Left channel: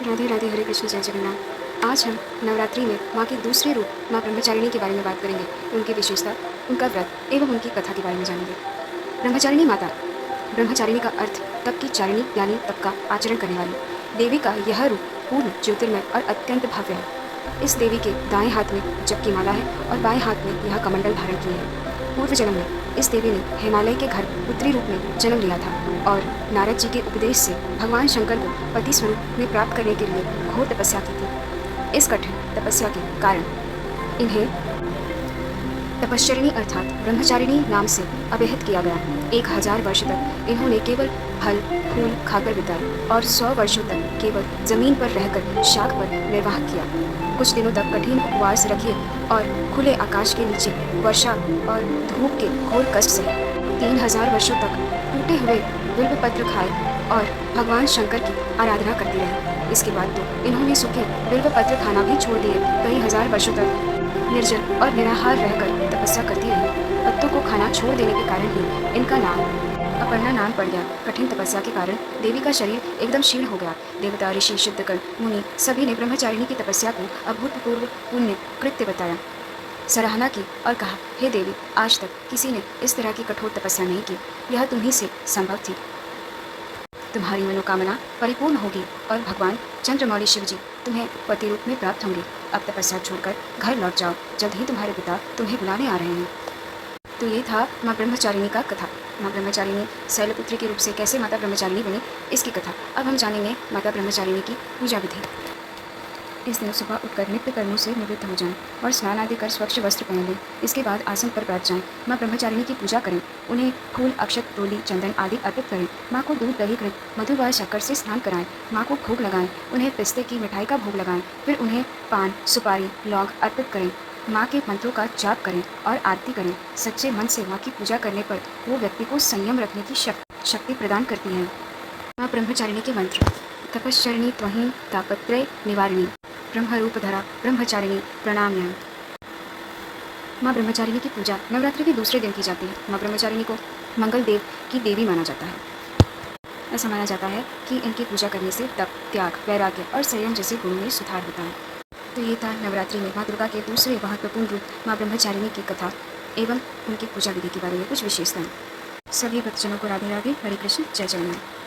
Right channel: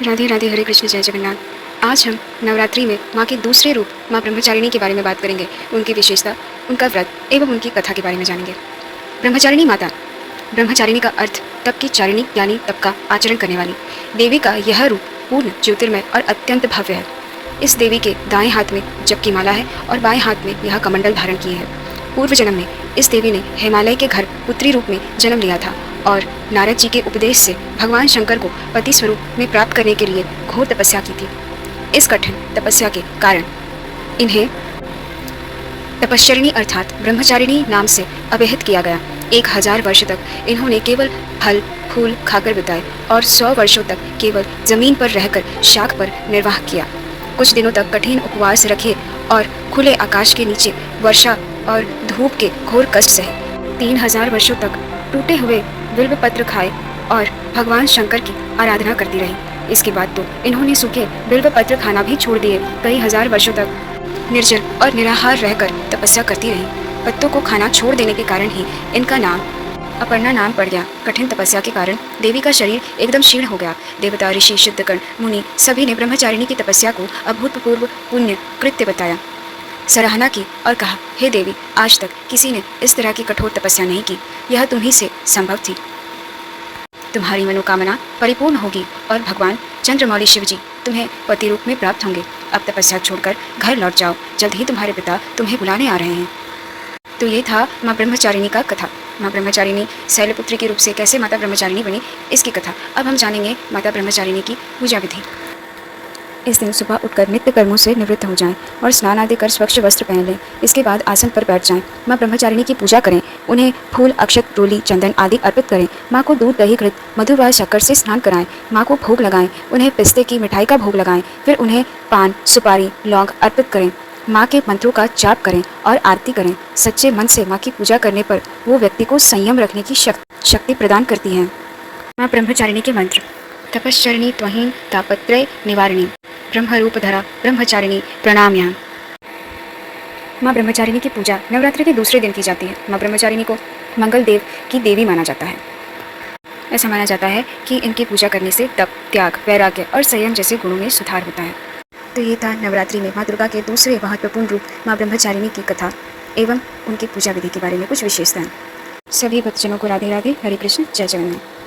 राधे राधे, हरे कृष्ण, जय जगन्नाथ। आज हम नवरात्रि में माँ के दूसरे रूप माँ ब्रह्मचारिणी के बारे में बात करेंगे। उनकी विशेषता, उनका व्रत एवं उनकी कथा के बारे में जानेंगे। ब्रह्मचारिणी माता। ब्रह्मचारिणी का अर्थ तप की चारिणी यानी तप का आचरण करने वाली। देवी का यह रूप पूर्ण ज्योतिर्मय और अत्यंत भव्य है। इस देवी के दाएं हाथ में जप की माला है और बाएं हाथ में यह कमंडल धारण किए है। पूर्व जन्म में इस देवी ने हिमालय के घर पुत्री रूप में जन्म लिया था और नारद जी के उपदेश से भगवान शंकर को पति स्वरूप में प्राप्त करने के लिए घोर तपस्या की थी। इस कठिन तपस्या के कारण इन्हें तपश्चरिणी अर्थात ब्रह्मचारिणी नाम से अभिहित किया गया। 1000 वर्ष तक इन्होंने केवल फल फूल खाकर बिताए और 100 वर्षों तक केवल जमीन पर रहकर शाख पर निर्वाह किया। कुछ दिनों तक कठिन उपवास रखे और खुले आकाश के नीचे वर्षा और धूप के घोर कष्ट सहे। 3000 वर्षों तक टूटे हुए बिल्व पत्र खाए और भगवान शंकर की आराधना करती रही। इसके बाद तो इन्होंने सूखे बिल्व पत्र खाना भी छोड़ दिए। कई हजार वर्षों तक निर्जल और निराहार रहकर तपस्या करती रही। पत्तों को खाना छोड़ देने के कारण ही इनका नाम अपर्णा नाम पड़ गया। कठिन तपस्या के कारण देवी का शरीर एकदम क्षीण हो गया। देवता, ऋषि, सिद्धगण, मुनि सभी ने ब्रह्मचारिणी की तपस्या को अभूतपूर्व पुण्य कृत्य बताया, सराहना की और कहा, हे देवी, आज तक किसी ने इस तरह की कठोर तपस्या नहीं की। यह तुम्ही से संभव थी। तुम्हारी मनोकामना परिपूर्ण होगी और भगवान चंद्रमौली शिव जी तुम्हें पति रूप में प्राप्त होंगे। अब तपस्या छोड़कर घर लौट जाओ, जल्द ही तुम्हारे पिता तुम्हें बुलाने आ रहे हैं। तो ये था माँ ब्रह्मचारिणी का कथा। माँ ब्रह्मचारिणी शैलपुत्री के रूप से कैसे माता ब्रह्मचारिणी बनी, इसकी कथा। अब हम जानेंगे माता ब्रह्मचारिणी की पूजा विधि। इस दिन सुबह उठकर नित्य कर्मों से निवृत्त हो जाएं और स्नान आदि कर स्वच्छ वस्त्र पहन लें। इसके बाद आसन पर बैठ जाएं। माँ ब्रह्मचारिणी की पूजा करें। उन्हें फूल, अक्षत, रोली, चंदन आदि अर्पित करें। माँ को दूध, दही, घृत, मधु व शक्कर से स्नान कराएं। माँ को भोग लगाएं। उन्हें पिस्ते की मिठाई का भोग लगाएं। फिर उन्हें पान, सुपारी, लौंग अर्पित करें। माँ के मंत्रों का जाप करें और आरती करें। सच्चे मन से माँ की पूजा करने पर वो व्यक्ति को संयम रखने की शक्ति प्रदान करती हैं। माँ ब्रह्मचारिणी के मंत्र। तपश्चरिणी त्वहीं तापत्रय निवारिणी ब्रह्मरूपधरा ब्रह्मचारिणी प्रणाम्याम। माँ ब्रह्मचारिणी की पूजा नवरात्रि के दूसरे दिन की जाती है। माँ ब्रह्मचारिणी को मंगल देव की देवी माना जाता है। ऐसा माना जाता है कि इनकी पूजा करने से तप, त्याग, वैराग्य और संयम जैसे गुणों में सुधार होता है। तो ये था नवरात्रि में माँ दुर्गा के दूसरे महत्वपूर्ण रूप माँ ब्रह्मचारिणी की कथा एवं उनकी पूजा विधि के बारे में कुछ विशेषताएं। सभी भक्तजनों को राधे राधे, हरे कृष्ण, जय जगन्नाथ।